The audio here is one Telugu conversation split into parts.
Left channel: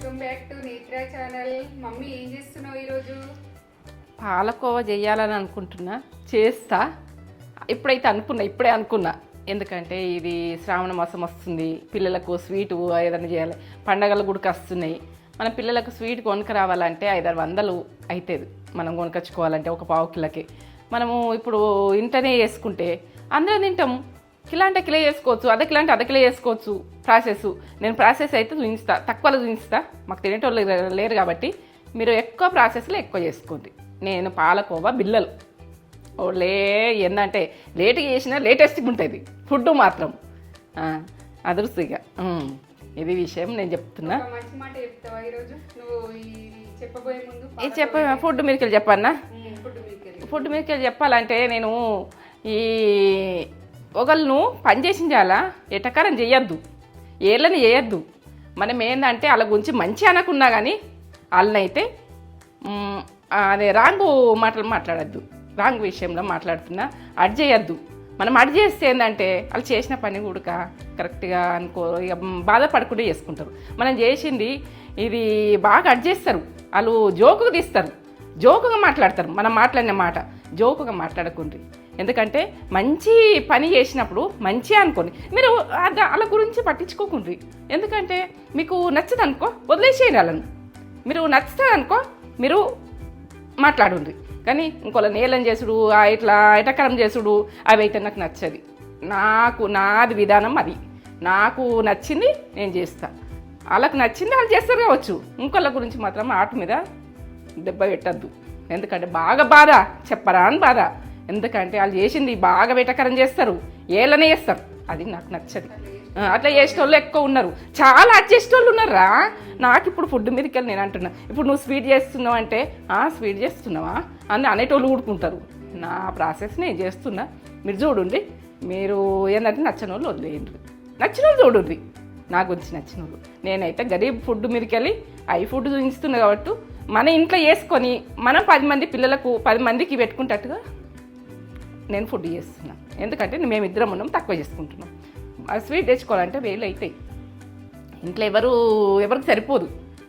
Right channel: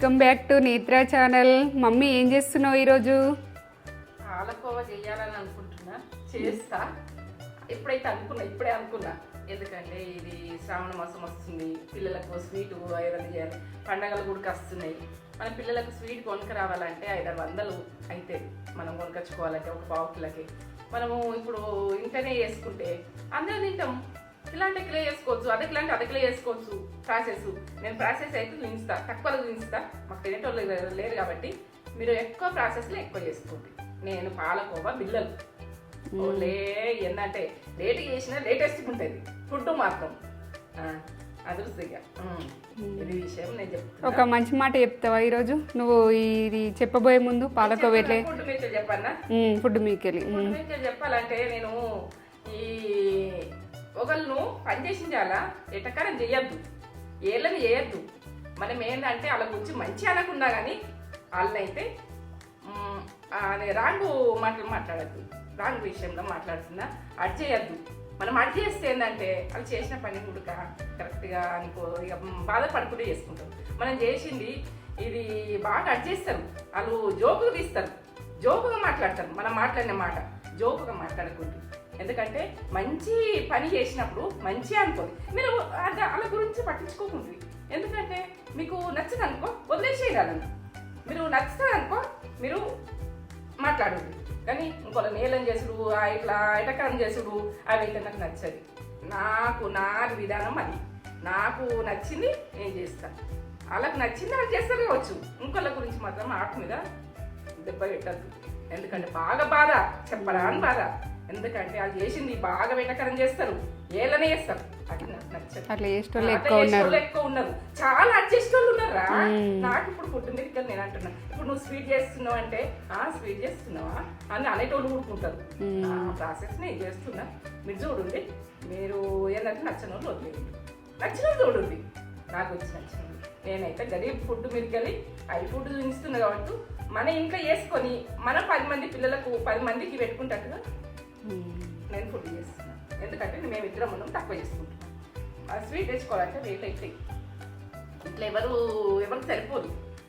వెల్కమ్ బ్యాక్ టు నేత్ర ఛానల్. మమ్మీ ఏం చేస్తున్నావు ఈరోజు? పాలకోవా చేయాలని అనుకుంటున్నా, చేస్తా. ఇప్పుడే అనుకున్నా. ఎందుకంటే ఇది శ్రావణ మాసం వస్తుంది, పిల్లలకు స్వీటు ఏదైనా చేయాలి, పండగలు కూడా వస్తున్నాయి. మన పిల్లలకు స్వీట్ కొనుక రావాలంటే 500 అవుతుంది. మనం కొనుకొచ్చుకోవాలంటే ఒక పావు కిలోకి. మనము ఇప్పుడు ఇంటనే వేసుకుంటే అందరూ తింటాము. కిలో అంటే కిలో చేసుకోవచ్చు, అర్ధ కిలో అంటే అర్ధ కిలో చేసుకోవచ్చు. నేను ప్రాసెస్ అయితే చూపిస్తా, తక్కువలో చూపిస్తా. మాకు తినేటోళ్ళు లేరు కాబట్టి మీరు ఎక్కువ ప్రాసెస్లో ఎక్కువ చేసుకోండి. నేను పాలకోవా బిల్లలు ఏంటంటే లేట్గా చేసినా లేటెస్ట్గా ఉంటుంది ఫుడ్ మాత్రం అదృష్టంగా. ఇది విషయం నేను చెప్తున్నా. ఒక మంచి మాట చెప్తావా ఈరోజు నువ్వు? ఇది చెప్పబోయే ముందు ఫుడ్ మీదకి చెప్పన్నా. ఫుడ్ మీదకి చెప్పాలంటే నేను ఈ ఒకళ్ళను పని చేసించాలా, ఎటకారం చేయొద్దు, ఏళ్ళని చేయొద్దు. మనం ఏంటంటే వాళ్ళ గురించి మంచి అనకున్నా కానీ వాళ్ళనైతే అదే రాంగు మాటలు మాట్లాడద్దు. రాంగ్ విషయంలో మాట్లాడుతున్నా, అడ్ చేయొద్దు. మనం అడ్ చేస్తే ఏంటంటే వాళ్ళు చేసిన పని కూడా కరెక్ట్గా అనుకో, ఇక బాధపడకుండా చేసుకుంటారు. మనం చేసింది ఇది బాగా అడ్ చేస్తారు, వాళ్ళు జోకుగా తీస్తారు, జోకుగా మాట్లాడతారు. మనం మాట్లాడిన మాట జోకుగా మాట్లాడకుండ్రి. ఎందుకంటే మంచి పని చేసినప్పుడు మంచిగా అనుకోండి, మీరు వాళ్ళ గురించి పట్టించుకోకుండ్రి. ఎందుకంటే మీకు నచ్చదనుకో వదిలేసేయండి వాళ్ళని. మీరు నచ్చుతారనుకో మీరు మాట్లాడుండ్రి. కానీ ఇంకోళ్ళ నేలం చేసుడు, ఇట్లా ఎటకరం చేసుడు అవి అయితే నాకు నచ్చది. నాది విధానం అది. నాకు నచ్చింది నేను చేస్తా, వాళ్ళకు నచ్చింది వాళ్ళు చేస్తారు కావచ్చు. ఇంకోళ్ళ గురించి మాత్రం ఆట మీద దెబ్బ పెట్టద్దు. ఎందుకంటే బాగా బాధ చెప్పరా అని బాధ. ఎందుకంటే వాళ్ళు చేసింది బాగా వెటకరం చేస్తారు, ఏళ్ళనే చేస్తారు. అది నాకు నచ్చదు. అట్లా చేసేటోళ్ళు ఎక్కువ ఉన్నారు, చాలా అడ్ చేసేటోళ్ళు ఉన్నారా. నాకు ఇప్పుడు ఫుడ్ మీదకి వెళ్ళి నేను అంటున్నా, ఇప్పుడు నువ్వు స్వీట్ చేస్తున్నావు అంటే స్వీట్ చేస్తున్నావా అని అనేటోళ్ళు ఊడుకుంటారు. నా ప్రాసెస్ నేను చేస్తున్నా, మీరు చూడండి. మీరు ఏంటంటే నచ్చిన వాళ్ళు వదిలేయండి, నచ్చిన వాళ్ళు చూడండి. నా గురించి నచ్చిన వాళ్ళు. నేనైతే గరీబ్ ఫుడ్ మీదకి వెళ్ళి ఫుడ్ చూపిస్తున్నా కాబట్టి మన ఇంట్లో వేసుకొని మనం 10 మంది పిల్లలకు 10 మందికి పెట్టుకుంటట్టుగా నేను ఫుడ్ చేస్తున్నాను. ఎందుకంటే మేమిద్దరం ఉన్నాం, తక్కువ చేసుకుంటున్నాం. స్వీట్ తెచ్చుకోవాలంటే వేలు అవుతాయి. ఇంట్లో ఎవరికి సరిపోదు.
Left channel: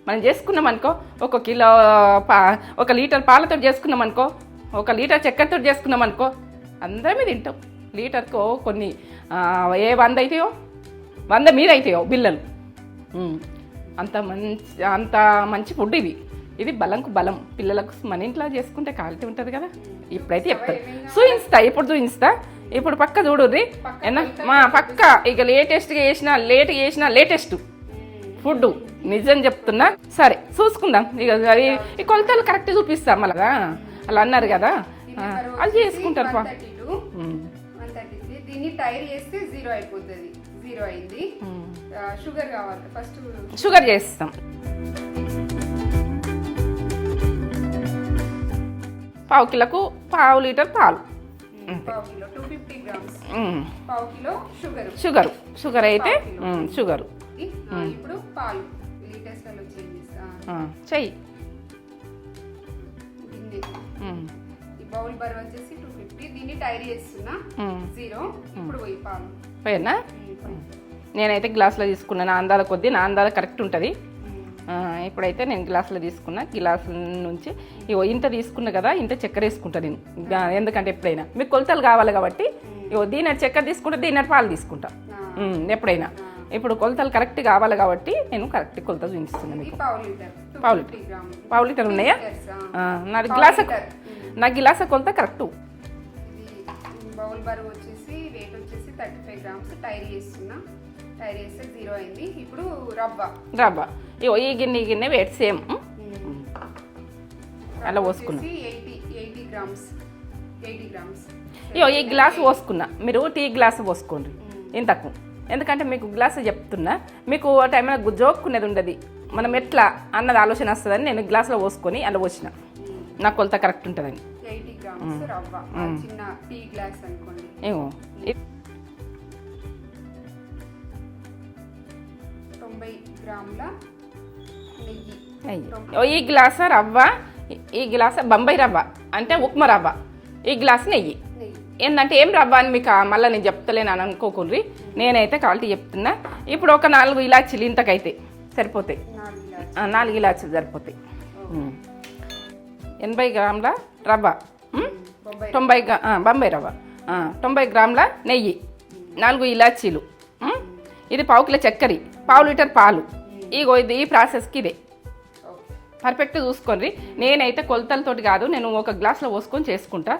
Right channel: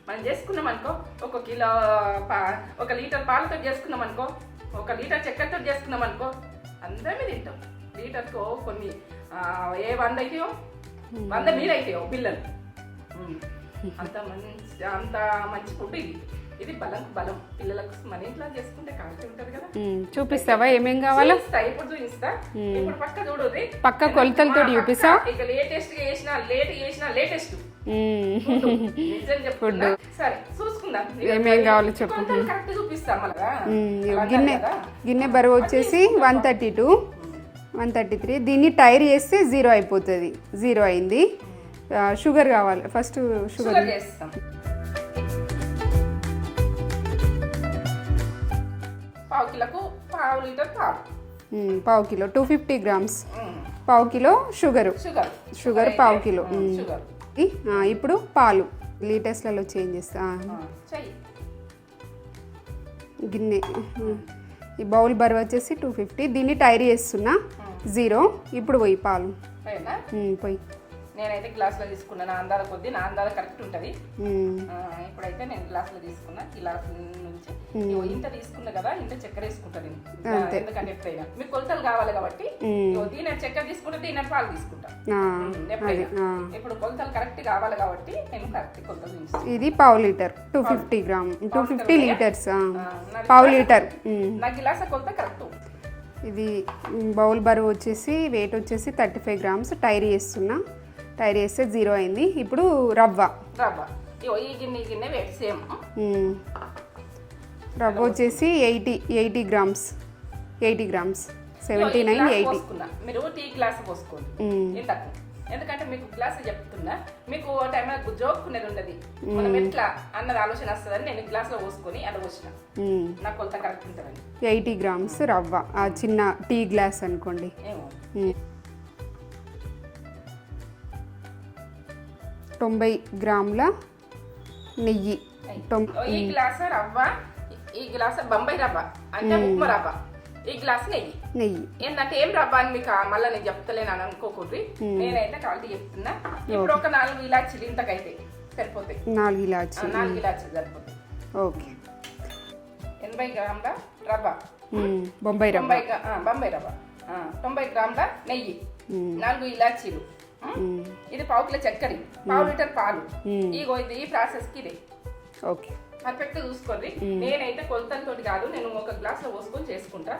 మనం చేసుకున్నాం అనుకో, 1 కిలో 1 లీటర్ పాలతో చేసుకున్నాం అనుకో, 1 లీటర్ చక్కెరతో చేసుకున్నాం అనుకో, అందరమే తింటాం. లీటర్కో కొన్ని 100 అవుతాయో, 100 మీద అవుతాయో బిల్లలు. అంత మంచి ఫుడ్ ఇది. ఇది బలంకు బలం. పిల్లలకు మన ఇంట్లో చేసుకుంటే క్వాలిటీ ఉంటుంది కదా. ఇప్పుడు చూపిస్తా. ఇప్పుడు పక్క చూడుర్రి, పక్క ఇక లేటెస్ట్గా చేసిన లేటెస్ట్ ఫుడ్ నిజం చెప్తున్నా. సరే చూసుకుందాం. ఇక కొలతలు కరెక్ట్ చూపిస్తా. మళ్ళా అలా అన్నారు కదా. గిన్నె బరువు వచ్చేసి 132, 133. దీన్ని టైర్ చేస్తే 0 అయిపోతుంది. 0 అయింది. షుగర్ కావాలి, ఫస్ట్ షుగర్ చేస్తాం. పావు కిలోకు ½ లీటర్ పాలు, ½ కిలో 250 గ్రామ్స్, ½ కిలో షుగర్ అయితే ½ కిలో షుగర్. ఇప్పుడు పాలు లీటర్స్లలో చేంజ్ చేస్తా. చెయ్యి. గిన్నె ఈ బౌల్ బరువు వచ్చేసి 250. దీన్ని టైర్ చేస్తున్నా 0. ఇప్పుడు పోయి పాలు పోయినా పోయి. నేనైతే గ్లాసులో తీసుకున్నా, నా అందాల కొద్దీ. నా అందాల కరెక్ట్ ఉంటుంది. ఇప్పుడైతే నేను గ్లాసులో తీసుకున్నా. గ్లాసు నుంచి ఇంత తీసుకున్నా కదా, ఇంత చక్కెర వేసుకుంటా నేను. ఎందుకంటే ఎప్పుడైనా మీకు కొలతలు కావాలి కాబట్టి దీని చక్కెర తీసుకుంటా, దీని పాలు తీసుకుంటా ఎప్పుడైనా. ఇప్పుడు కొలతలు కరెక్ట్ కావాలి కాబట్టి నేను కరెక్ట్ కొలతలు చూపిస్తాను. ఇది ½ లీటర్ 250 గ్రామ్. ½ లీటర్ నా గిలాస కొలత కరెక్ట్. ఇది బౌల్ బరువు వచ్చేసి వెయిట్ వచ్చేసి 35 గ్రామ్స్. టైర్ చేస్తున్నా. టైర్ చేస్తే 0 అయింది. ఇప్పుడు రవ్వ ఈ గిన్నె వెయిట్ సేమ్. రవ్వ వచ్చేసి 80 గ్రామ్స్. 80 గ్రామ్స్. ఈ గ్లాస్ పోసుకున్నా, మీరు టీ గ్లాస్ పోసుకోండి ఇంతకు. ఎందుకంటే మీకు గ్లాస్ చెప్తున్నా, మీకు ఆ టైంలో జోక్కునేది ఉండదు. మనం ఎట్లా అన్నది ఆలోచన వస్తుందని నేను గ్లాస్లో పోసుకొని అలా పోసిన. నా కొలత కరెక్ట్ ఉంటుందని. 80 గ్రామ్స్ రవ్వ, చిన్న టీ గ్లాస్ అనుకోండి. 90 గ్రాముల నెయ్యి. ఈ గ్లాస్ రవ్వ, ఈ గ్లాస్ బొంబాయి రవ్వ అంటే ఉప్మా రవ్వ, ఈ గ్లాస్ నెయ్యి. ఏంటంటే ఏం రవ్వ అని మీకు మళ్ళీ నేను చెప్తలేను అని అనుకోకూడదు. నేనైతే క్వాలిటీ చెప్తున్నా. ఇప్పుడు ఒక 4 ఇలాచీలు ఇంతకైతే సరిపోతాయి. 4 ఇలాచి. 4 ఇలాచీలు సరిపోతాయి. ఓకే. 80 గ్రాముల రవ్వ, బొంబాయి 90 రవ్వ, 90 గ్రాముల నెయ్యి, 4 ఇలాచీలు, ఇది 1/2 కిలో చక్కెర, 1/2 లీటర్ పాలు. ఇగో ఇది ఈ ప్రాసెస్కి ఇదే. ఓకే. పర్ఫెక్ట్ చూసుకోండి. నేనైతే కొలతలతోటి కాదు, నేను ఒక గ్లాస్లో పోసుకొని చేసుకుంటా.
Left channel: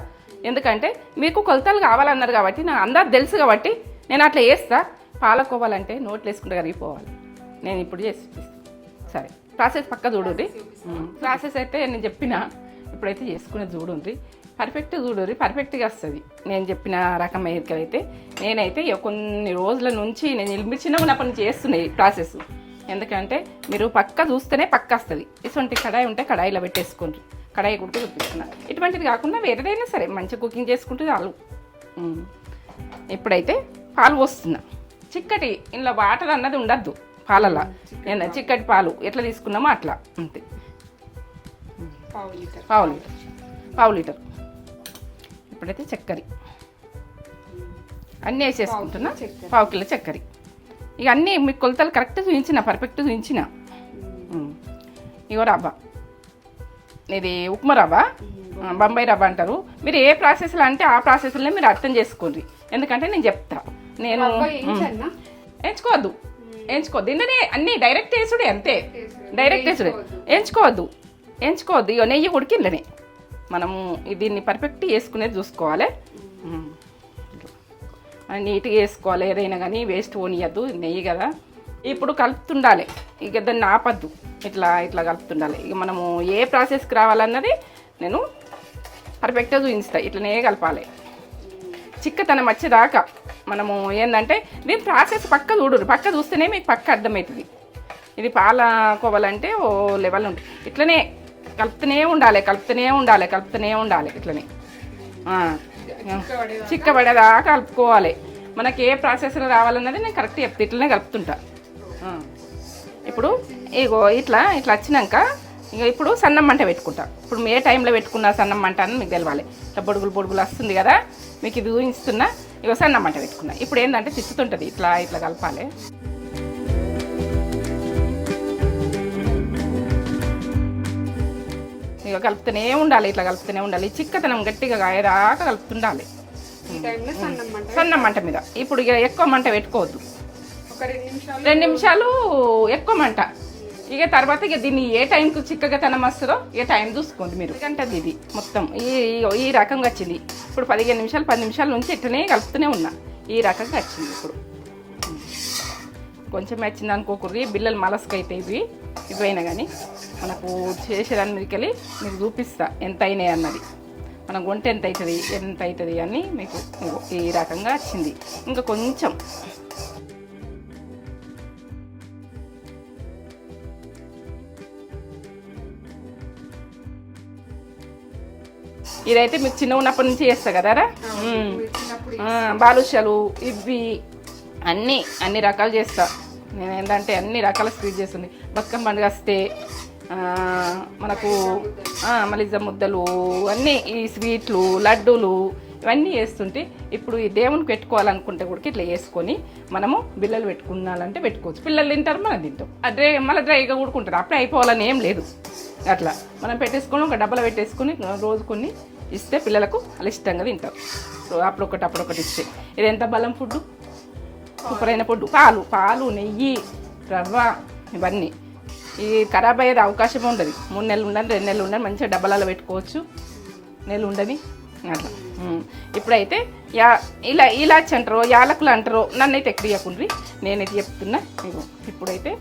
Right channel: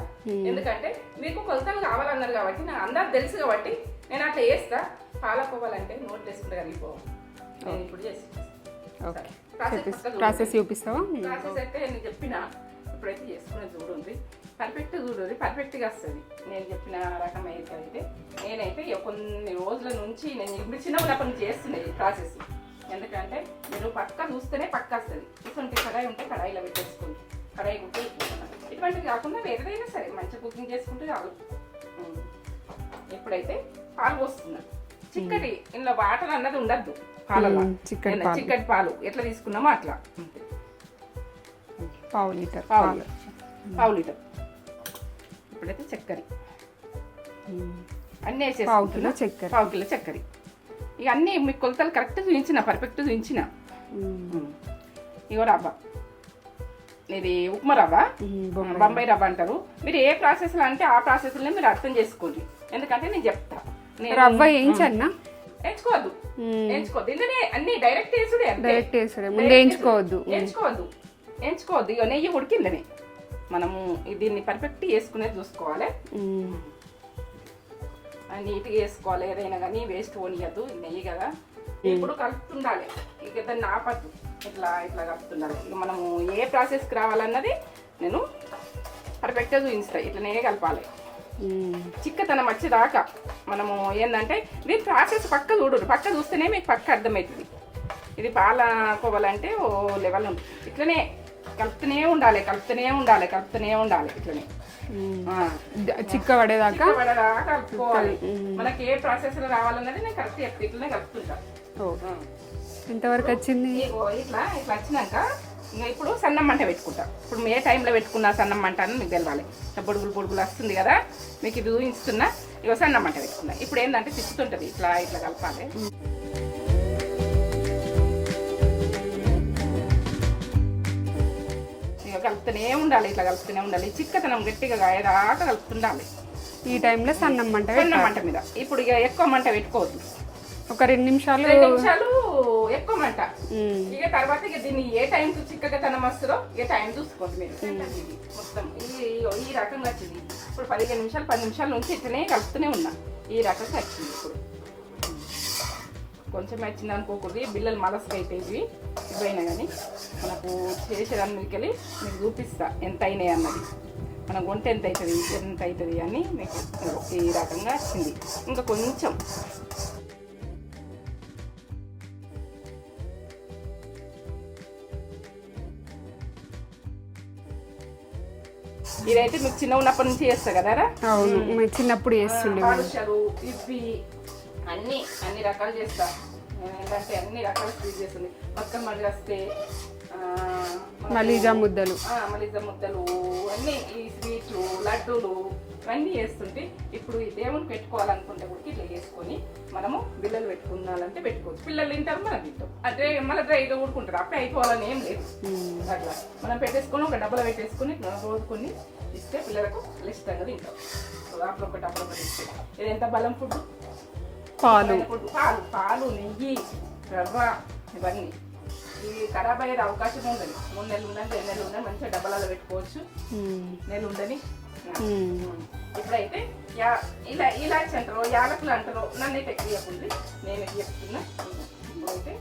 ఎందుకంటే మీకు కొలతలు కావాలన్నారు కాబట్టి నాకు అందరు తెలుసు కాబట్టి నేను అట్లా వేస్తా. పాలకోవాలంటే నోట్లు వేసుకుంటే కరిగిపోవాలి. నేను ఇప్పుడు చేసి సరే ప్రాసెస్ పక్క చూడండి. చూపిస్తావా? ప్రాసెస్ అయితే నేను చెప్పిన ఇప్పుడైతే చేసుకునేది చూడండి. పర్ఫెక్ట్ చూడండి, పర్ఫెక్ట్గా వస్తుంది. నేను చెప్పిన రకం అయితే నేనైతే కొన్ని రోజుల నుంచి నేను చిన్నప్పటి నుంచి చేస్తున్నాయి ప్రాసెస్. ఎందుకంటే మీరు పక్క చూస్తేనే పక్క వస్తుంది. ఇటువంటి కడాయి ఉంటే కడాయిలో పెట్టేసుకోండి. కడాయి కూడా చూపిస్తున్నా. ఇటువంటిది కాకుండా వేరేదైనా సరే మంచిగా కుకింగ్ చేసుకుంటే చాలు. ఇప్పుడైతే పాలు పోస్తున్నా. చిక్కటి ఇందులో వాటర్ అన్నది ఉండద్దు పాలల్లో. చిక్కటి పాలు ఎట్లా తీసుకున్నామో అట్లా అంతే. 1/2 లీటర్. 1/2 లీటర్. ఇప్పుడైతే చక్కెర అన్నీ వేసేసుకుంటున్నా. 1/2 కిలో చక్కెర. ఇక అన్నీ మీకు కొలతలు కరెక్ట్ చూపించిన, పర్ఫెక్ట్ చూపించిన. ఇగో రవ్వ, ఇది ఉప్మా రవ్వ, బొంబాయి రవ్వ అంటారు. మీరు ఏ ప్రాసెస్లో అంటే ఆ ప్రాసెస్లో మీరు అర్థం చేసుకోండి. ఎందుకంటే నేను చెప్తా. నేను రవ్వ వేయించన్నా? ఎంచుకోవద్దు, ఇందులో అన్ని డైరెక్ట్ వేసుడు అంతే. డైరెక్ట్ ఎంచుకోవద్దు. ఇక నెయ్యి ఉడికి ఇళ్ళనే మనము దీన్ని పర్ఫెక్ట్ వేసుకునేది చూసుకోవాలి. నీట్గా వేసుకోవాలి. ఏదైనా కానీ వేస్ట్ పోనీయద్దు, నెయ్యి కదా. ఇప్పుడు కలుపుతుండాలి. ఇక దాన్ని ఆపద్దు, ఇట్లా కలుపుతుండాలి. ఇక మనము ఏ ప్రాసెస్కి రావాలన్నది నేను పర్ఫెక్ట్గా చూపిస్తా. ఇట్లనే కలపాలి చిక్కతనం వచ్చేదాకా. మనము ఏంటంటే దీని ప్రాసెస్ పక్క చూడరు. పక్క చూస్తేనే మీకు పక్క అర్థమవుతుంది. ఇది పాలకోవాలంటే ఓ లెవెల్ ఉంటుంది. ఇట్లనే కలుపుతూనే ఉండాలి. ఇట్లనే చిక్కబడేదాకా కలుపుకోవాలి. మనకి ఏ ప్రాసెస్లో రావాలన్నది నేను కరెక్ట్ చెప్తే ఇట్లనే కలుపుతుంటా. ఇప్పుడు ఇగో ఇట్లా వచ్చినాక ఇక ఇప్పుడు సన్నం మంట పెట్టుకుంటా. ఇప్పుడు ఏ టైంలో పెట్టుకున్నా సన్నం మంట అని మీకు తెలవాలి. ఇట్లా పొడుగులు వస్తుంది కదా, మీకు ఇది ఊహిస్తున్నా. ఇక సన్నం మంట పెట్టుకున్నా. ఇప్పుడు ఏంటంటే తిప్పుతుంటుంది, ఇట్లా కలపాలి. ఇక కలుపుతూనే ఉండాలి. చిక్కతనం గట్టిగా కాయదాకా కలుపుతుండాలి. ఈ టైంలో సన్నం మంట మీద. ఇప్పుడు ఇక ఎక్కువ మంట పెట్టుకోవద్దు. ఒక 2 నిమిషాలు ఎక్కువ మంట. ఇక తర్వాత ఇక దీన్ని ఏ టైంకు చిక్కగా తనం వస్తుందో ఏ టైం చూసుకోండి మీరు. అంటే ఇది మొత్తం ఈ రకంగా వచ్చింది. ఇప్పుడు 15 నిమిషాలు 10 నిమిషాల నుంచి ఇట్లనే కలుపుతూనే ఉన్నా. ఈ రకంగా వచ్చింది. ఇప్పుడు కొంచెం వచ్చింది అనుకోకూడదు. బిల్లలు మలస్కి అయితే ఇవైనా కానీ మనకు చేసేదాన్ని మీకెళ్ళి మీకు చూపిస్తా ఎంత అయినాయి అన్నది. మనం వంట ఎంత అవుతుంది అని మీకు ఈ రకంగా వచ్చింది. ఇంకా కొంచెం ఇదైతే మీకు చిన్న ఉన్నప్పటి నుంచి చేస్తా కదరా. చిన్నప్పుడు బాలుషాలు ఇవి అన్ని రకాలు చేస్తా నేను. ఏంటంటే అన్ని రకాల స్వీట్ చేస్తుంది. బతుకమ్మ పండుగ వస్తే మలిజా ముద్దలు అన్నీ, ఈ స్వీట్లు, లడ్డూలు ఇవన్నీ చేస్తుంటే ఇప్పుడు ఈ దేవునికి పెట్టుకోవాలనుకుంటే కూడా ఇట్లా వేసుకొని మనము బిల్లలు పెట్టుకున్నాలంటే పెట్టుకోవచ్చు. పిల్లలు తింటారు, మనం తింటాం. అదే మళ్ళీ డ్రైగా కూడుకుంటారు. అప్పుడే అయిపోవాలని ఏం లేదు. అట్లా మనం పెట్టేసుకొని ఒక డబ్బలో పెట్టేసుకుని రోజు కొన్ని ఇస్తే పిల్లలకు వాళ్ళు ఇష్టంగా తింటారు. అప్పుడొకటి ఇస్తే ఇది ఎంత బలం ఫుడ్, పాలైన ఫుడ్. పాలు, నెయ్యి, రవ్వ ఇవన్నీ. ఇది ఖరాబ్ అయ్యేది అవకాశం ఉండదు. 3 నెలలు ఉండాలి, 2 నెలలు ఉండాలి. మంచిగా డబ్బాలలో పెట్టుకోవచ్చు. నెలలు ఉండని. ఇప్పుడైతే ఇలాచి అంటారో యాలకులు అంటారో నన్నైతే ఎక్కడియకుండ్రి, నేనైతే చెప్తున్నా. ఇప్పుడైతే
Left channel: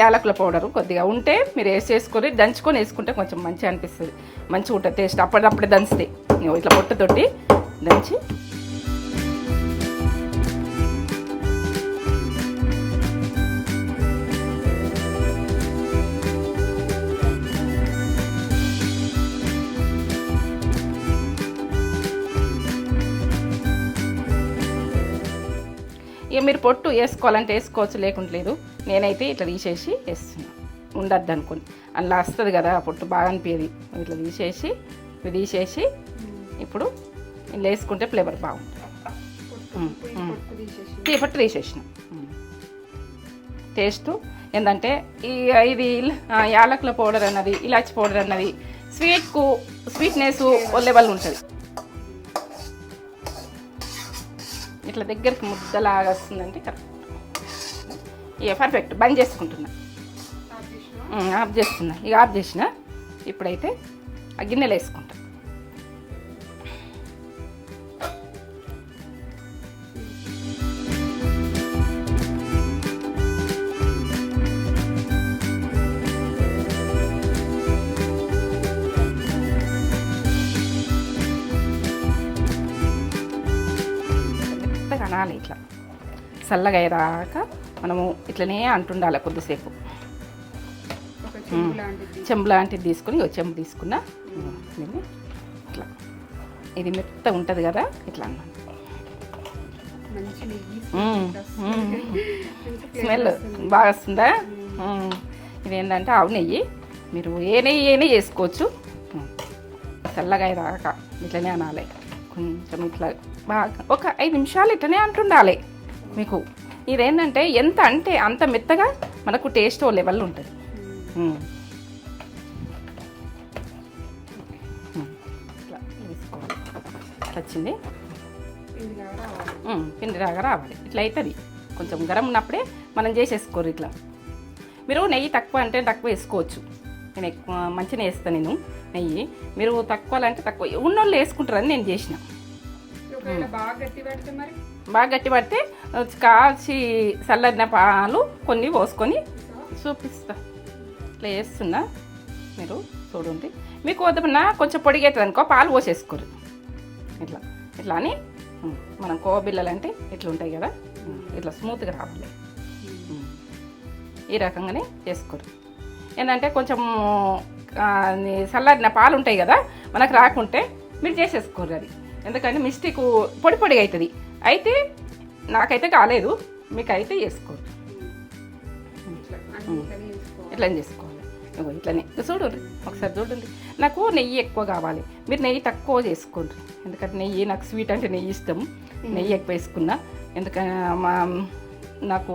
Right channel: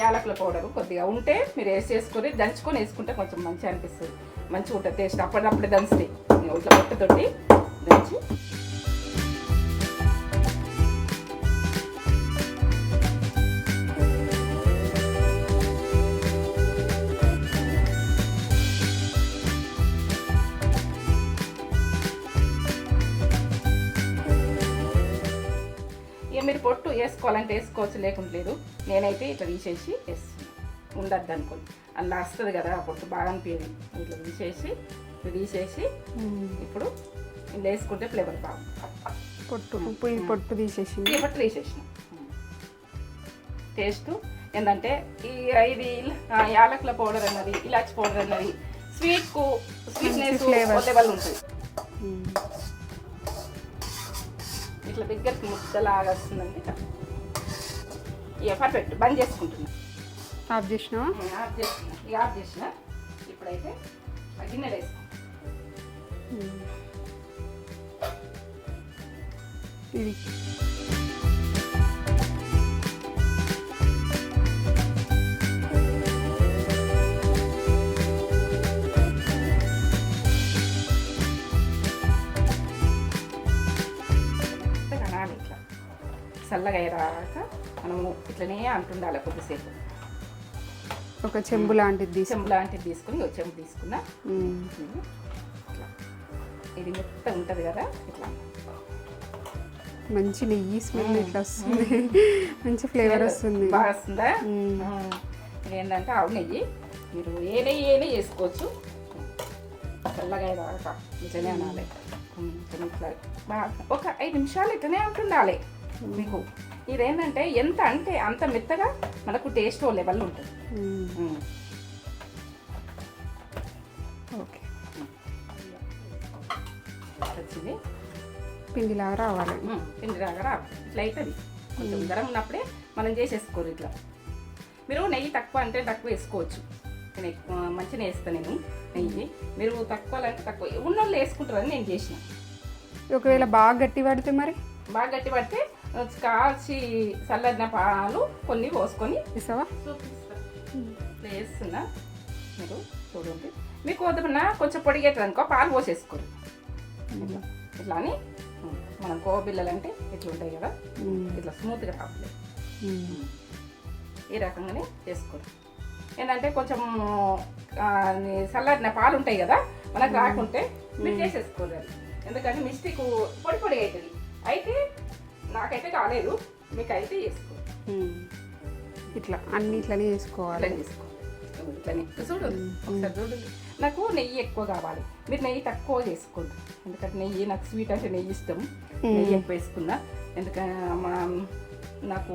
యాలకుల పౌడరు కొద్దిగా ఉంటే మీరు వేసేసుకొని దంచుకొని వేసుకుంటే కొంచెం మంచిగా అనిపిస్తుంది. మంచిగా ఉంటుంది టేస్ట్. అప్పుడప్పుడే దంచుతాయి. ఇట్లా పొట్టుతోటి దంచి ఇక మీరు పొట్టు వేసుకోవాలంటే వేసుకోవచ్చు, లేకుంటే లేదు. నేనైతే ఇట్లా తీసేసి వేస్తున్నాను. ఉండద్దు అనుకోని అలా వస్తుంది కదా పొట్టు, బాగా అనిపించేది. ఇట్లా తీసేసి ఇప్పుడు ఇలా వేసుకుంటే ఫ్లేవర్ బాగుంటుంది. పొట్టు తీసేసిన టేస్ట్ ఏంటంటే ఇది యాలకుల పౌడర్ అన్నది, ఇలాచి పౌడర్ అన్నది స్వీట్నెస్ లెవెల్ ఉంటుంది. ఇట్లా దగ్గరికి ముద్దలాగా వస్తుందంటే ఇక పర్ఫెక్ట్. బంద్ చేసుకుంటున్నా. ఆఫ్ చేసినా ఆఫ్ చేస్తున్నా. ఇక ఆఫ్ చేసిన. ఇప్పుడైతే ఆ గిన్నెలు వేసుకుంటా. కనాలి ఇట్లా చల్లగా అయ్యేదాకా మనము ఇట్లనే అంటుండాలి కొద్దిసేపు. ఒక చెంబు లాంటిది తీసుకుని ఒక చెంబు తీసుకున్నా. ఇట్లా ఇది మెత్త ఉంటుంది కదా, ఇట్లా మంచి నెయ్యి మంచి ఫ్లేవర్ వస్తుంది. బాగా వస్తుందా? ఇదేంటంటే ఆవు నెయ్యి. మీరు ఏ నెయ్యి చేసుకోవచ్చు. చల్లగా అయ్యేదాకా ఇట్లనే అనాలి. కొంచెం ఇట్లా బాగా ఒక 5 నిమిషాలు ఇట్లనే అంటుండాలి. మీకు ఇదేంటంటే ఎంత అంటే అంత మెత్తగా మనకు టేస్ట్ ఓ లెవెల్ ఉంటుంది. వచ్చింది. పిండిలాగా రావాలి. ఇట్లా అవుతుంది. కొంచెం గరం ఉన్నప్పుడే మనం చేసేసుకోరు. ఇట్లా మీరు నెయ్యి తక్కువ అంటే తక్కువ వేసుకోవచ్చు. నేను ఎక్కువ మంచిగా వేస్తాను నేను నెయ్యి. మీరు తక్కువ అంటే తక్కువ ఉన్నోళ్ళు వేసుకుంటారని నేను చేసిన. ఒకవేళ బాగా గట్టి పడితే మరి బాగా గట్టి పడితే కాచి చల్లడిన పాలు కొన్ని పోసుకొని చూపిస్తా. ఇట్లా చేస్తున్నా. మీరు చూడండి. మీకు వద్దమన్నా కొంచెం పొడిగేస్తుంది అనుకో పాలు పోసేసుకోరు. ఇట్లా ఇట్లా అని మనం కోవ బిళ్ళలు అంటే ఇట్లా ఉంటాయి కదా, ఇట్లా స్మూత్గా రావాలి. ఈ రకంగానే చేసుకోరు. ఏంటంటే కొంచెం చల్లారిన పాలు ఉంటాయి కదా, మనకు రాకుంటే మీరు చేసేసుకోరు. అది ఎందుకంటే మిస్టేక్ పొడిగా అవుతుంది. అయితే నాకైతే కాలేదు, మీకు అయితే చేసుకోరు. ఇట్లా అన్ని ఇట్లనే చేసుకోవాలి. ఇట్లనే చూడండి. ఒకసారి చూడండి. నాకు నెయ్యి ఎక్కువ కావాలి. మీరు నెయ్యి తక్కువ చేసుకోండి. ఎందుకంటే నెయ్యి నాకు స్వీట్ అంటే నెయ్యి ఇష్టం. నెయ్యి ఎక్కువ వేసుకున్నా. ఎందుకంటే నాకు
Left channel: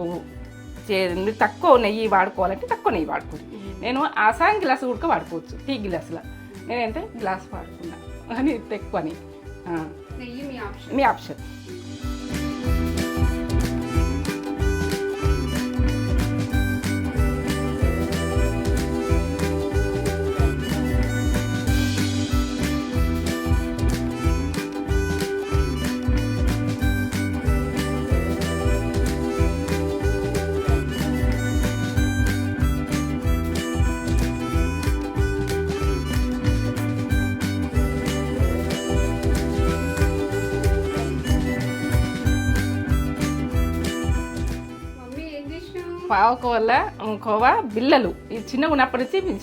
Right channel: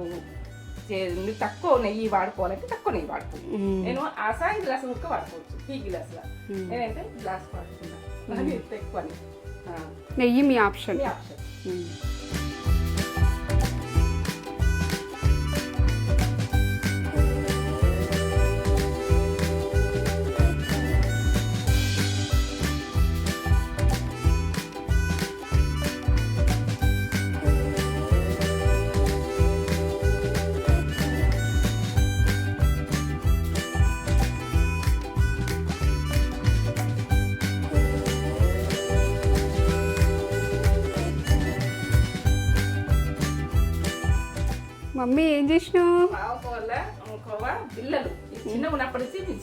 తక్కువ నెయ్యి వాడుకోవాలంటే తక్కువ నెయ్యి వాడుకోవాలి. నేను ఆసాయం గ్లాసు కూడా వాడుకోవచ్చు. టీ గ్లాసులో నేనంటే గ్లాస్ వాడుకున్నా. కానీ ఎక్కువ నెయ్యి మీ ఆప్షన్. మమ్మీ ఏం చేసినావు? కోవా బిళ్ళలు. ఇది చిన్నగా ఉన్నప్పటి నుంచి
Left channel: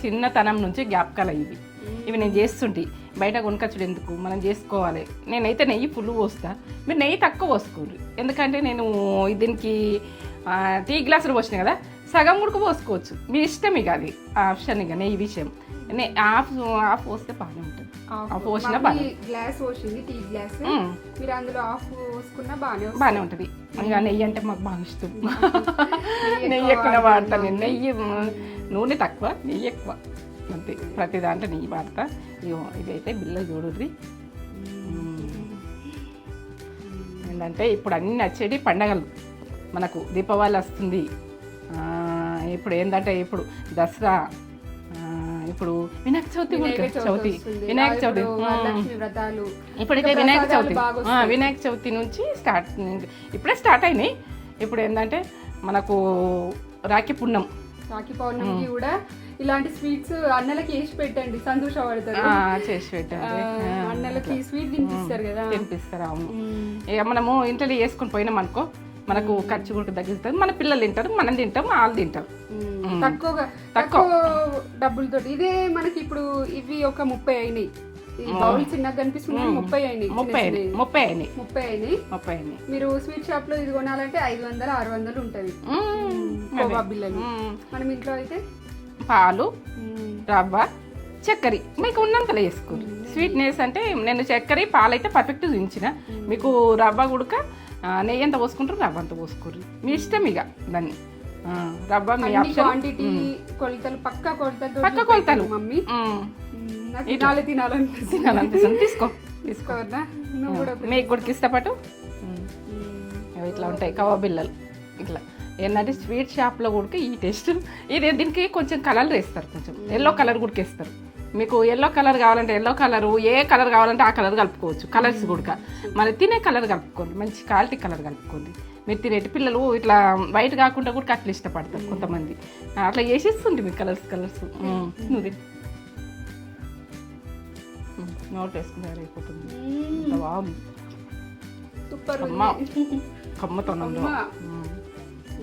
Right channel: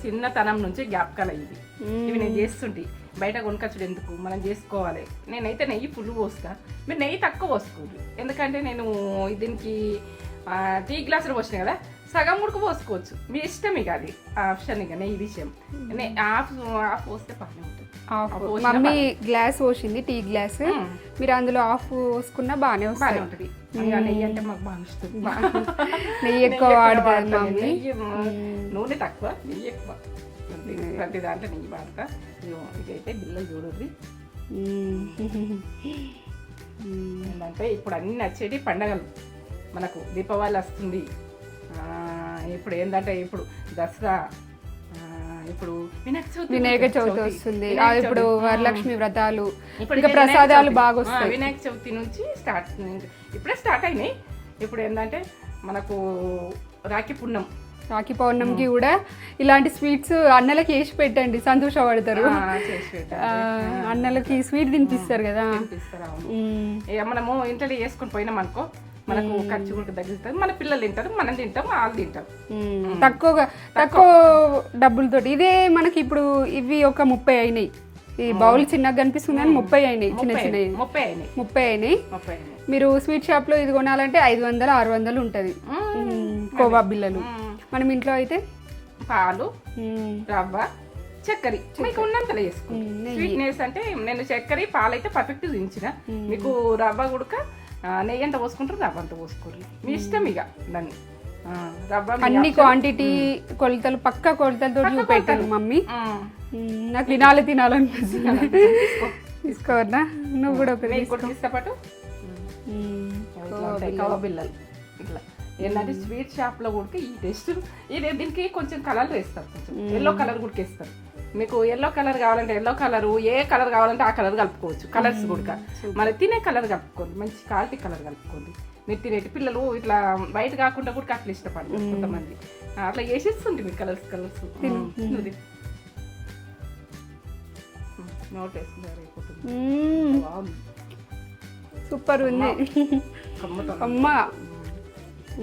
చిన్నతనం నుంచి జ్ఞాపకాలు ఇవి. ఇవి నేను చేస్తుంటే బయట కొనుకొచ్చుడు ఎందుకు, మనం చేసుకోవాలి. నేనైతే నెయ్యి ఫుల్ పోస్తా. మీరు నెయ్యి తక్కువ పోసుకోరు. ఎందుకంటే నేను దీనికి టీ గ్లాసులు పోసినాయి కదా, సగం ఉడుకు పోసుకోవచ్చు. మీ ఇష్టం. ఇక అది ఆప్షన్. ఇక నెయ్యి విషయం హాఫ్ పోస్తే పక్కన ఉంటుంది. గ్లాస్ పోసింది, టీ గ్లాస్. మీరు అందులో హాఫ్ పోసుకున్నా బాగానే ఉంటుంది. నెయ్యి అంటే మాకు బాగా ఇష్టం. నెయ్యి నూనె తక్కువ, నెయ్యి ఎక్కువ. ప్రతి దాంట్లో నెయ్యి వాడతా. ఇదైతే బిల్ల చూడుద్ది. ఏంటంటే ఇప్పుడు అన్ని నచ్చేటి పండగలు. మనకు దీపావళి వస్తుంది. ఇప్పుడు ఏంటంటే ఇప్పుడు దసరా, ఇప్పుడు వినాయక చవితి, వరలక్ష్మి వ్రతాలు, ఇప్పుడు వినాయక చవితి నుంచి ఇప్పుడే స్టార్ట్ అయినాయి. ఇప్పుడు ఏంటంటే మనకు రాఖీ పౌర్ణమికి కూడా ఇలాంటి స్వీట్స్ అన్నలకి వేసి పెట్టండి, సంతోషపడతారు. అన్నలకి స్వీట్ తినిపిస్తారు కదా. అవును. ఇక మనము ఇంట్లో వేసుకుని పోయినాం అనుకో, మనకు ఖర్చు కూడా తగ్గుతుంది. మన పిల్లలు తింటారు, మనం తింటాం, వాళ్ళు తింటారు. తక్కువ డబ్బులతోటి. ఇదే మనకి ఇప్పుడు ఇవి ఒక 30 అయినాయి. ఈ బౌల్ చిన్నగా కనిపిస్తున్నాయి, 30 అయినాయి. మీరు స్వీట్ షాప్ లో ఇది కొనాలంటే 500-600 ఉంటది కోవా బిళ్ళలు. మనం ఇంట్లో అయితే పాలు, రవ్వ, చక్కెర మీకు ఉన్నంతలో వేసుకో. స్వీట్నెస్ అంటే నేను చక్కెర పాలు అయితే పర్ఫెక్ట్ చూపించిన. మీకు రవ్వ గుడక నెయ్యి ఎంత పోసుకుంటారు, రవ్వ అంత పోసుకోరు. మీ ఇష్టం. ఇక దాన్ని రవ్వ మీ అన్ని option. క్వాంటిటీ కొలతలు పక్క కొలతలతో పక్క కొలతలు. చూపెట్టాను మమ్మీ. ఉమ్. నాకు తినాలనిపిస్తుంది. తినాలనిపిస్తుంది. తీసుకో తీసుకోవద్దా? నువ్వు కూడా ఒకటి నీకు కూడా ఇష్టపటు ఇట్లా ఉంటాయి కవ బిళ్ళలు ఇట్లా ఏంటంటే స్వీట్ షాప్లో కూడా ఈ టేస్ట్ ఇది దీనికి కొంచెం కలర్ వేస్తారు, కొంచెం ఎల్లో కలర్ కూడా వేస్తారు. మీకు ఎల్లో కలర్ కావాలంటే ఎల్లో కలర్, ఏ కలర్ కావాలంటే ఆ కలర్ కలుపుకోవచ్చు. కలర్స్ కూడా మన తినే కలర్ కలుపుకోండి, మంచి క్వాలిటీ కలర్ కలుపుకోండి. మీరు తినేటి పిల్లలు ఇట్లా వైట్ కాకుండా కూడా అట్లా ఇష్టపడతారు కొంతమంది. అట్లా వేసేస్తుంది మీకు కలర్స్ కలర్స్. నోట్ వేసుకుంటారు సూపర్ ఉంది. అమ్మ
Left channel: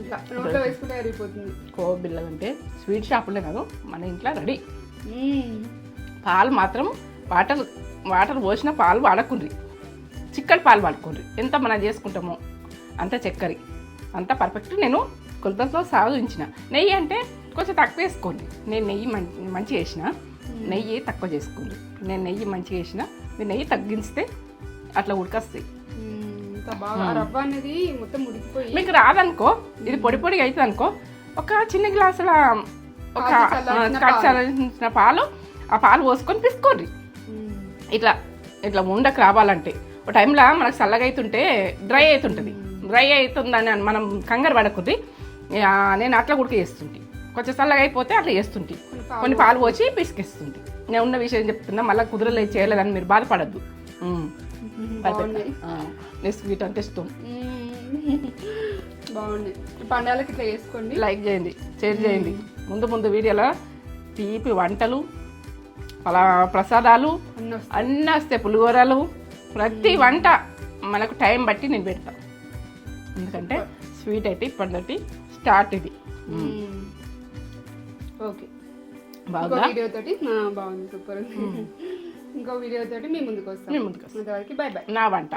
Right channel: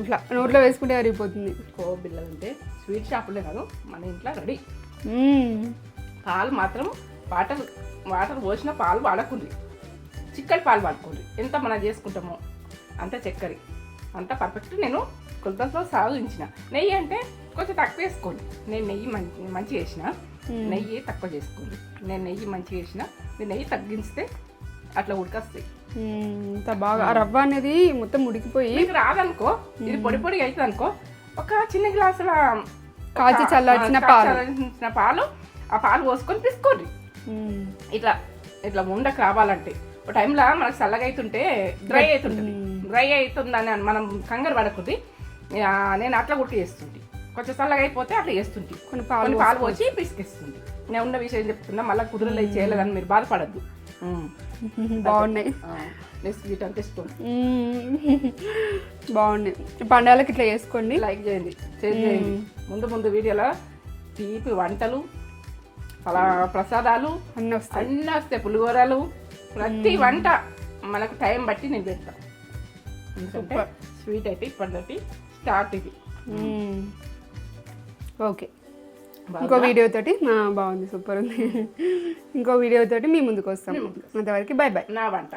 ఇట్లా నోట్లో వేసుకుంటే అరిగిపోతుంది. కోవ బిళ్ళలు అంటే స్వీట్ షాపులే కాదు మన ఇంట్లో రెడీ. పాలు మాత్రం వాటర్ పోసిన పాలు వాడకుండ్రి, చిక్కటి పాలు వాడుకోండి. ఎంత మనం చేసుకుంటామో అంత చక్కెర అంత పర్ఫెక్ట్. నేను కొలతలతో సాధించిన. నెయ్యి అంటే కొంచెం తక్కువ వేసుకోండి. నేను నెయ్యి మంచిగా వేసిన, నెయ్యి తక్కువ చేసుకోండి. నేను నెయ్యి మంచిగా వేసిన, మీరు నెయ్యి తగ్గిస్తే అట్లా ఉడకొస్తాయి. బాగా రవ్వ అనేది మొత్తం ఉడికిపోయి మీకు రాదనుకో, ఇది పొడి పొడి అవుతుంది అనుకో, ఒక చిన్న గ్లాసుల చల్లార్చిన పాలు, ఆ పాలు పోసుకొని పిసుకోండి. ఇట్లా ఇట్లా ఉండకు రావాలంటే ఒక టైంలో మనకు చల్లగా అవుతుంటే డ్రై అవుతుంటుంది. డ్రై అవుతుందని మనం కంగారు పడకుంది. నేను అట్లా కూడా చేస్తుంటే కొంచెం చల్లగా అయిపోతే అట్లా చేస్తుంటే కొన్ని పాలు పోసి పిసికిస్తుంది. నేను ఉన్న విషయం చెప్తున్నా, మళ్ళీ కుదరలేదు చేయలేదని మీరు బాధపడద్దు. బాగున్నాయి. స్వీట్ అంటే ఇష్టం. బాగున్నాయి. పండుగలకి ఇట్లా చేసుకోండి, లైక్ చేయండి, షేర్ చేయండి. ముందు వీడియోలో తీపి వంటలు, అలా ప్రసాదాలు అన్నీ వస్తాయి, పులిహోరలు, ప్రతి వంట మనకు టైం బట్టి నేను పెడతాను. ఎందుకంటే స్వీట్ అయితే ఇప్పటి స్టార్ట్ ఇది. ఓకే, ఇంకో వీడియో తోటి బాగుంది, సూపర్ ఉంది. ఇంకో వీడియో తోటి మీ ముందుకు వస్తాం. అంతవరకు బై బై. నా వంట